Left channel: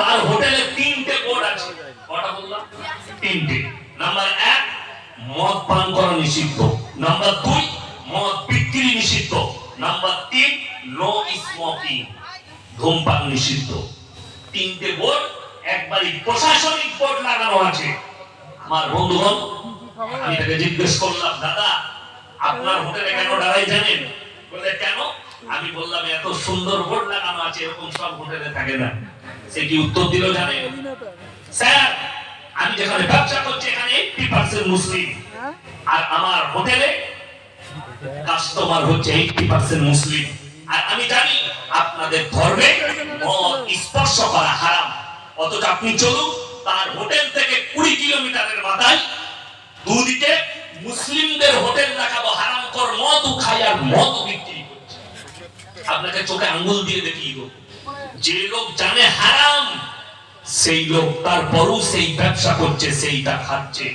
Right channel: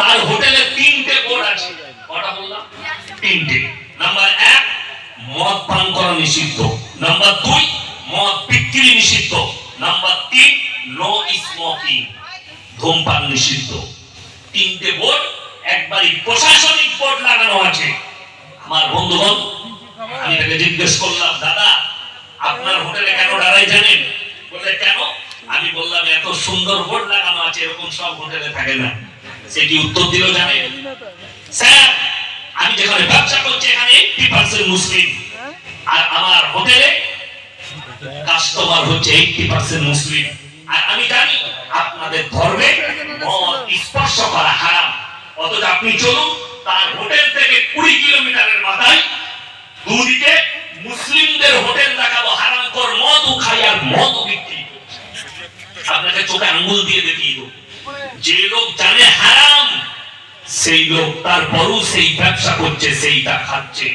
তার হোটেলে 3টে বোর্ড আছে। কটা বললাম? 3টে। নাম্বার 1, মদ পান করা নিষিদ্ধ। নাম্বার 2, মদ বিক্রি নিষিদ্ধ। নাম্বার 3, নো স্মোকিং, ধূমপান নিষিদ্ধ। 3টে বোর্ড, একবারই প্রশাসনিক বোর্ড লাগানো আছে। আমার বন্ধুগণ, আমি তাকে জিজ্ঞেস করলাম, দাদা আপনার হোটেলে কেন দাঁড়াই জানেন? বললে কেন? আমি বললাম, এত সুন্দর বোর্ড লাগানো আছে, এরকম সব হোটেলে থাকে না। সে কি উত্তর দিল জানেন? স্যার, আমি যেখানে ব্যবসা করছি এখানে 80% মুসলিম, আর আমার হোটেলে কাস্টমার হচ্ছে 80% মুসলিম। আর আমি জানি আপনাদের ধর্মে মদ স্পর্শ করা হারাম, অথচ আপনি চলুন তার হোটেল থেকে 20 কিলোমিটারের মাথায় দুদিকে মুসলিমদের হোটেল দেখাবো, হারামখোর মদ খাই আর মদ বিক্রি করছে। আপনাকে চোখে আঙ্গুল দিয়ে দেখিয়ে দেবো। যে লোক জানে হারাম, সেই লোক তারপরও সেই ব্যবসা করছে, সেইটা খাচ্ছে।